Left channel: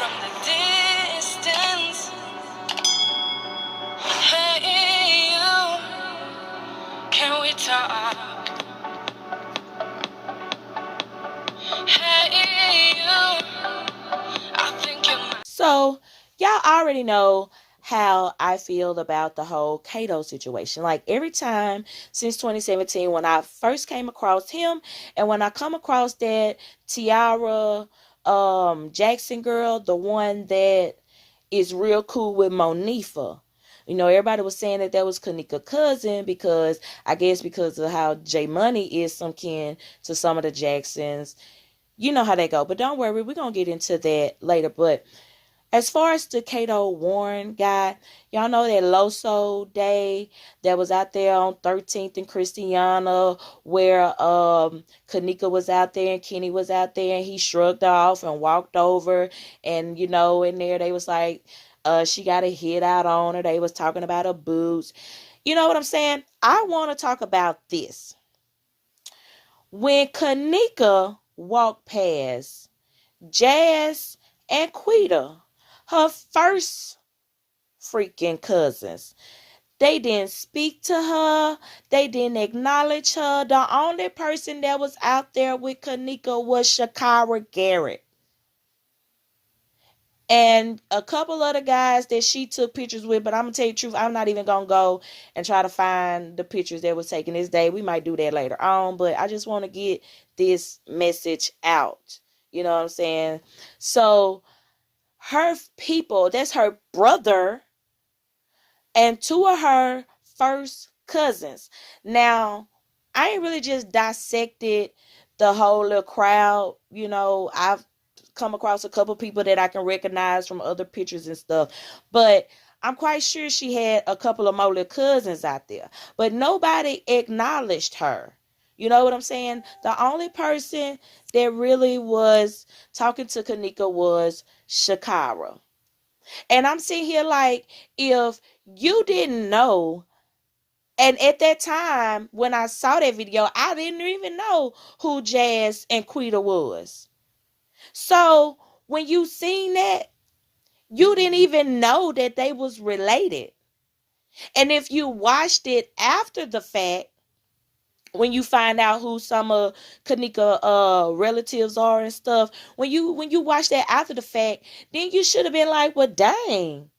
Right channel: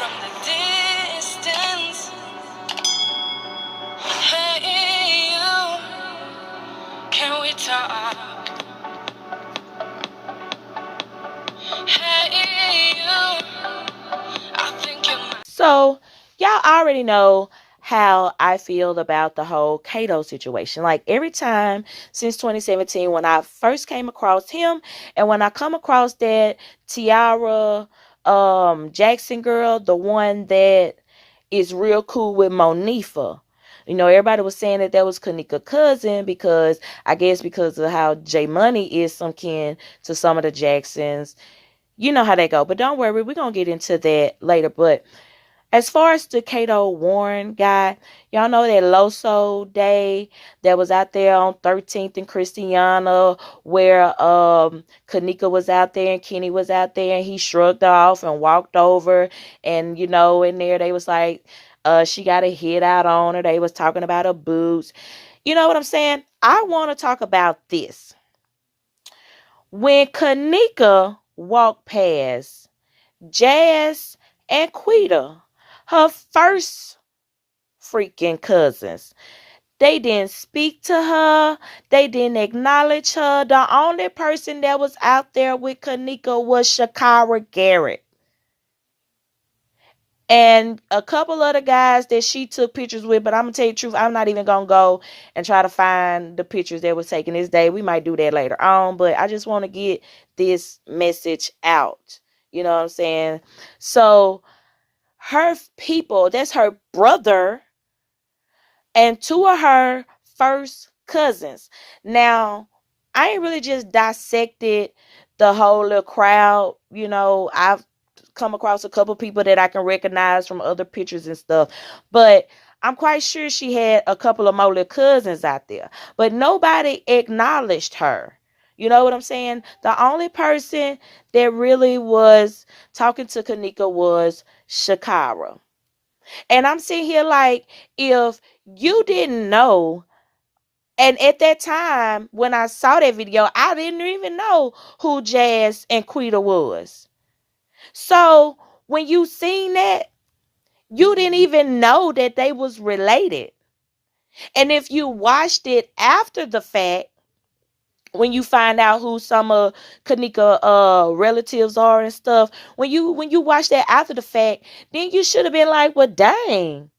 from the distance. Hey, you, can we talk? Hey, you, I think you might. So, y'all already know how I feel about the whole Kado situation. Like, every time since 2017, when I first came across him, and when I come across that Tiara Jackson girl, the one that is real cool with Monifa. You know, everybody was saying that was Kenneka's cousin because, I guess, because of how J Money is some kin to some of the Jacksons. You know how they go. But don't worry, we're going to get into that later. But as far as the Kado Warren guy, y'all know that Loso Day that was out there on 13th and Christiana, where Kenneka was out there and Kenny was out there, and he shrugged off and walked over, and you know, in there they was like, she got a hit out on her. They was talking about her boots. You know what I'm saying? I want to talk about this. When Kenneka walked past Jazz and Quita, her first freaking cousins, they didn't speak to her. They didn't acknowledge her. The only person that was out there with Kenneka was Shakira Garrett. And a couple other guys that she took pictures with, but I'm going to tell you the truth, I'm not even going to go and try to find the pictures that was taken this day. We might do that later on, but I just want to get this message out. You know what I'm saying? So, her people, that's her brother and two of her first cousins. Now, I ain't really just dissected the whole little crowd. You know, I've come across a couple people that I can recognize from other pictures and stuff. But I'm quite sure she had a couple of more little cousins out there. But nobody acknowledged her. You know what I'm saying? The only person that really was talking to Kenneka was Shakira. And I'm sitting here like, if you didn't know, and at that time when I saw that video, I didn't even know who Jazz and Quita was. So when you seen that, you didn't even know that they was related. And if you watched it after the fact, when you find out who some of Kenneka relatives are and stuff, when you watch that after the fact, then you should have been like, well, dang.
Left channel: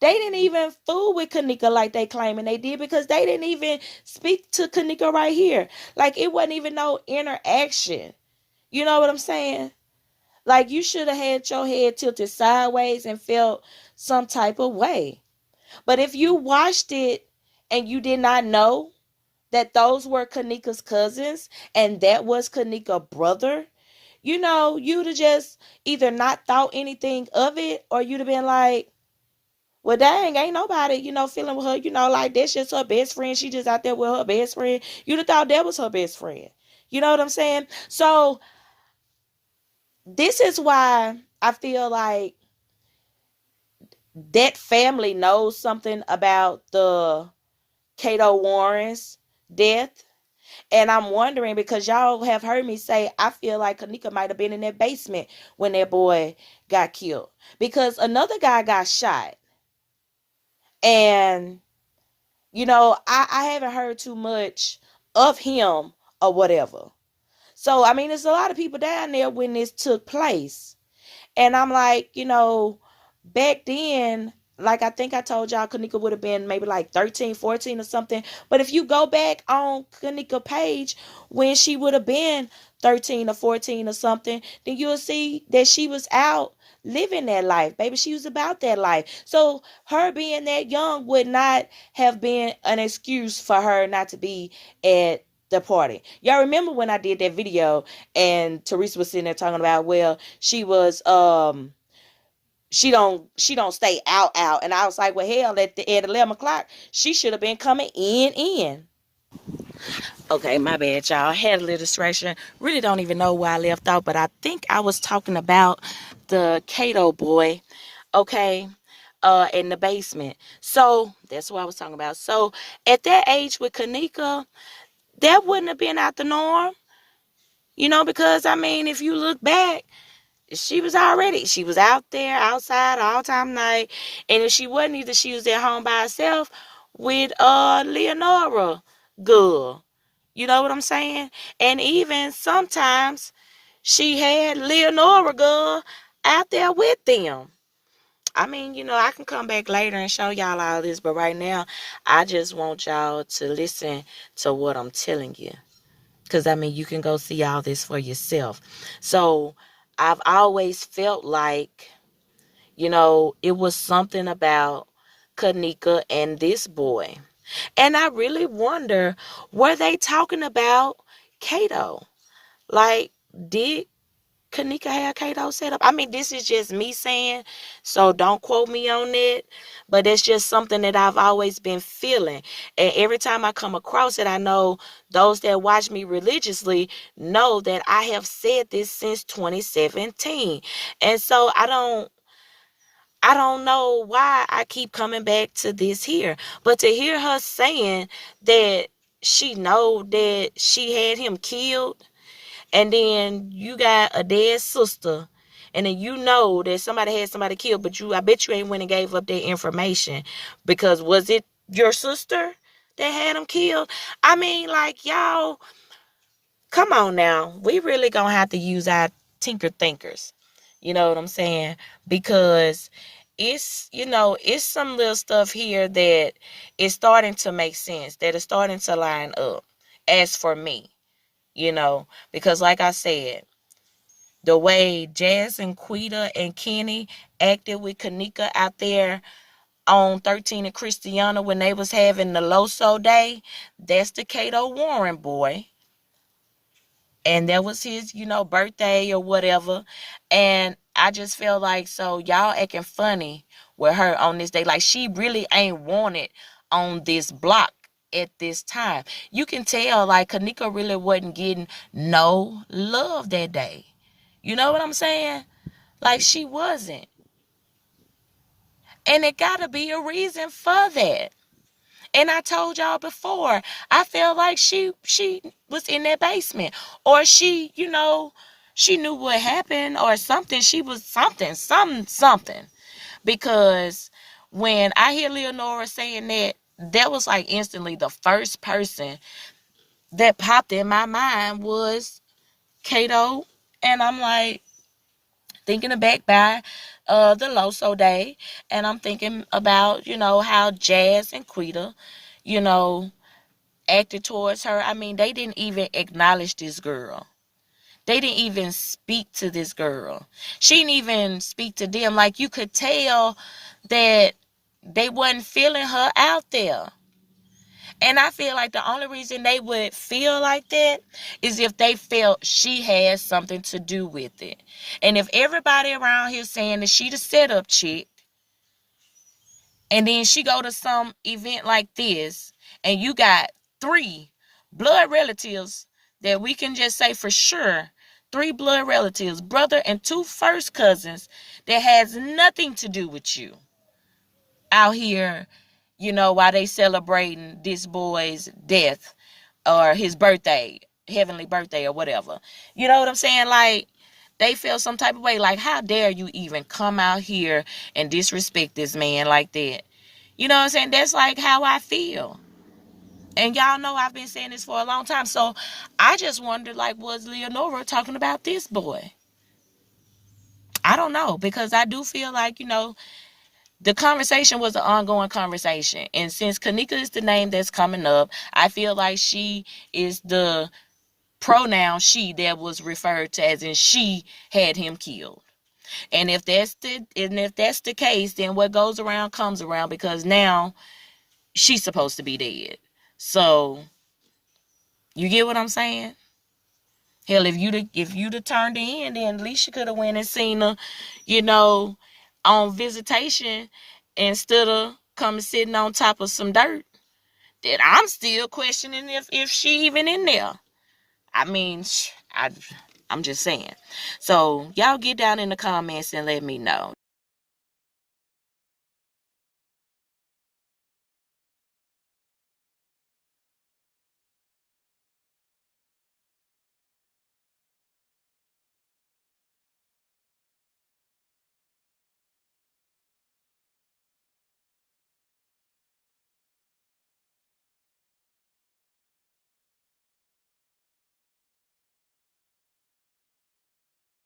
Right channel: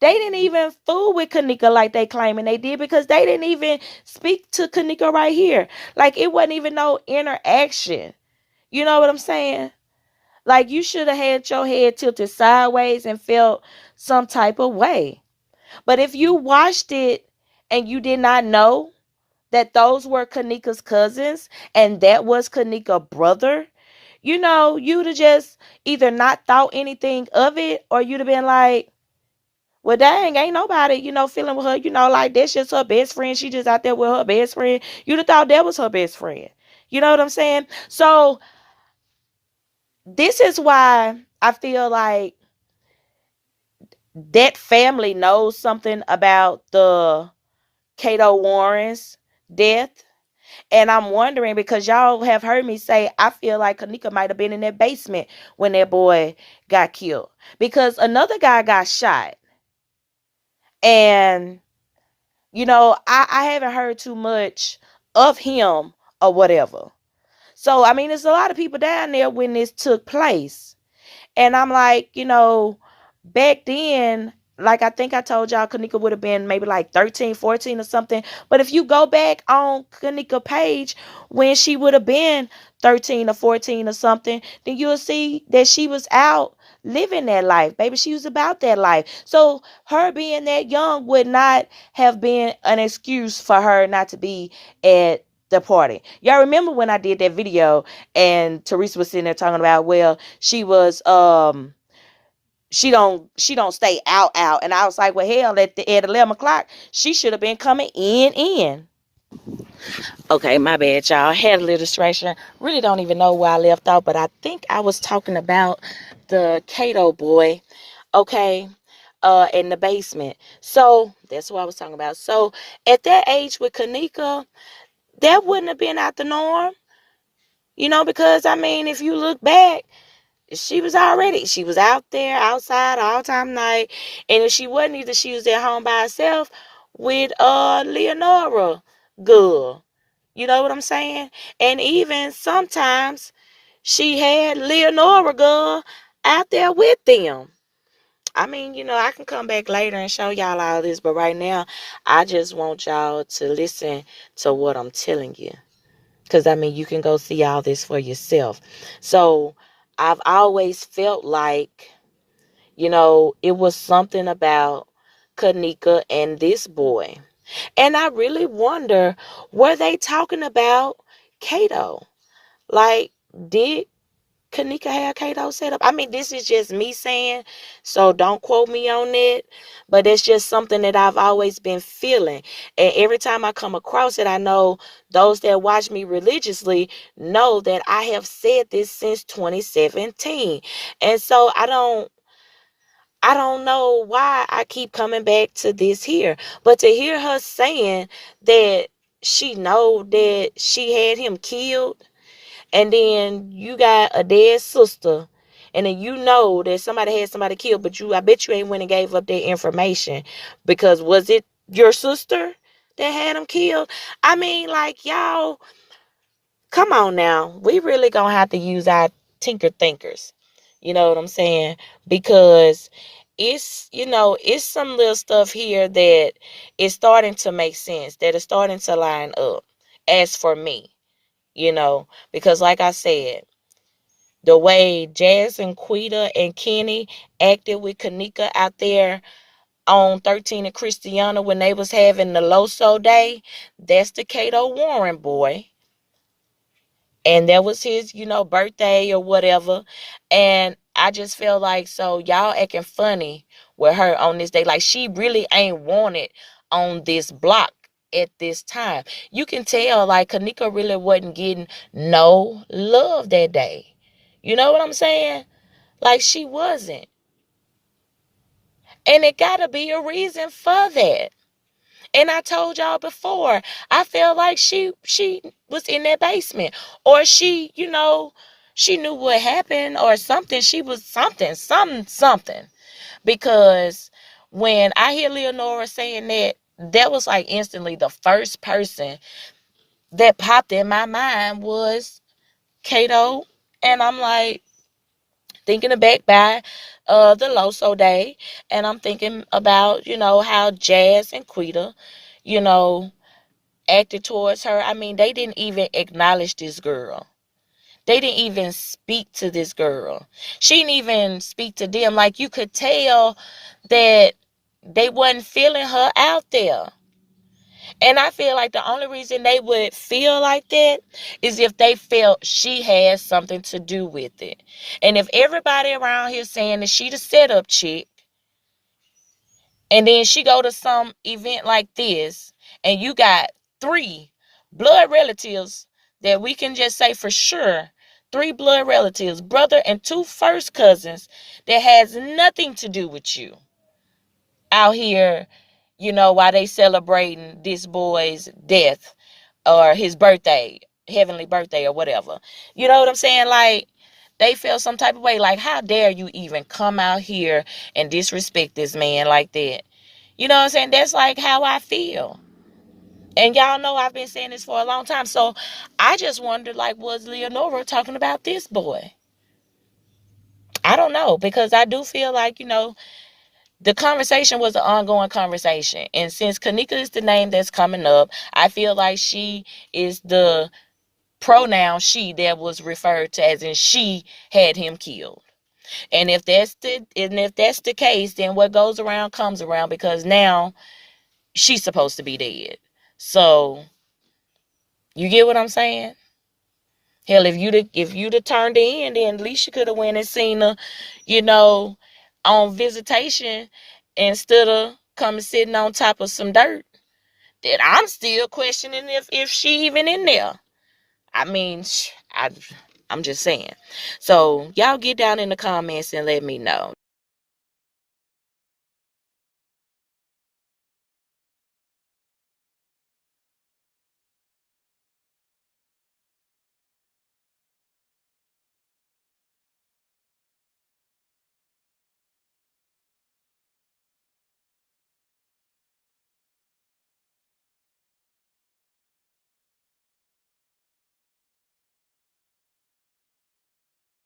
They didn't even fool with Kenneka like they claiming they did, because they didn't even speak to Kenneka right here. Like, it wasn't even no interaction. You know what I'm saying? Like, you should have had your head tilted sideways and felt some type of way. But if you watched it and you did not know that those were Kenneka's cousins and that was Kenneka's brother, you know, you'd have just either not thought anything of it, or you'd have been like, well, dang, ain't nobody, you know, feeling with her, you know, like that's just her best friend. She just out there with her best friend. You'd have thought that was her best friend. You know what I'm saying? So this is why I feel like that family knows something about the Kado Warren's death. And I'm wondering, because y'all have heard me say, I feel like Kenneka might have been in that basement when that boy got killed. Because another guy got shot. And, you know, I haven't heard too much of him or whatever. So, I mean, there's a lot of people down there when this took place. And I'm like, you know, back then, like I think I told y'all, Kenneka would have been maybe like 13, 14 or something. But if you go back on Kenneka's page when she would have been 13 or 14 or something, then you'll see that she was out living that life, baby. She was about that life. So her being that young would not have been an excuse for her not to be at the party. Y'all remember when I did that video and Teresa was sitting there talking about, well, she was she don't stay out, and I was like, well, hell, at 11 o'clock she should have been coming in. Okay, my bad, y'all. I had a little distraction. Really don't even know where I left off, but I think I was talking about the Kado boy, okay, in the basement. So that's what I was talking about. So at that age with Kenneka, that wouldn't have been out the norm, you know, because I mean, if you look back, she was out there outside all time night. And if she wasn't either, she was at home by herself with Leonora girl. You know what I'm saying? And even sometimes she had Leonora girl out there with them. I mean, I can come back later and show y'all all this, but right now, I just want y'all to listen to what I'm telling you. Because, I mean, you can go see all this for yourself. So, I've always felt like, it was something about Kenneka and this boy. And I really wonder, were they talking about Kado? Like, did Kenneka have Kado set up? I mean, this is just me saying, so don't quote me on it. But it's just something that I've always been feeling. And every time I come across it, I know those that watch me religiously know that I have said this since 2017. And so I don't know why I keep coming back to this here. But to hear her saying that she know that she had him killed, and then you got a dead sister, and then you know that somebody had somebody killed, but I bet you ain't went and gave up that information, because was it your sister that had him killed? I mean, like, y'all, come on now. We really gonna have to use our tinker thinkers. You know what I'm saying? Because it's some little stuff here that is starting to make sense, that is starting to line up, as for me, because like I said, the way Jazz and Quita and Kenny acted with Kenneka out there on 13 and Christiana when they was having the Loso Day, that's the Kado Warren boy. And that was his, birthday or whatever. And I just feel like, so y'all acting funny with her on this day. Like, she really ain't wanted on this block at this time. You can tell, like, Kenneka really wasn't getting no love that day. You know what I'm saying? Like, she wasn't. And it gotta be a reason for that. And I told y'all before, I felt like she was in that basement. Or she knew what happened or something. She was something. Because when I hear Leonora saying that, that was like instantly the first person that popped in my mind was Kado. And I'm like, thinking back by the Loso Day, and I'm thinking about, how Jazz and Quita, you know, acted towards her. I mean, they didn't even acknowledge this girl. They didn't even speak to this girl. She didn't even speak to them. Like, you could tell that they wasn't feeling her out there. And I feel like the only reason they would feel like that is if they felt she had something to do with it. And if everybody around here saying that she the setup chick, and then she go to some event like this, and you got 3 blood relatives that we can just say for sure, 3 blood relatives, brother and 2 first cousins, that has nothing to do with you out here, while they celebrating this boy's death or his birthday, heavenly birthday or whatever. You know what I'm saying? Like, they feel some type of way. Like, how dare you even come out here and disrespect this man like that? You know what I'm saying? That's like how I feel. And y'all know I've been saying this for a long time. So I just wondered, like, was Leonora talking about this boy? I don't know, because I do feel like, the conversation was an ongoing conversation. And since Kenneka is the name that's coming up, I feel like she is the pronoun she that was referred to, as in she had him killed. And if that's the case, then what goes around comes around, because now she's supposed to be dead. So you get what I'm saying? Hell, if you'd have turned in, then at least you could have went and seen her, on visitation, instead of coming sitting on top of some dirt that I'm still questioning if she even in there. I mean, I'm just saying. So y'all get down in the comments and let me know.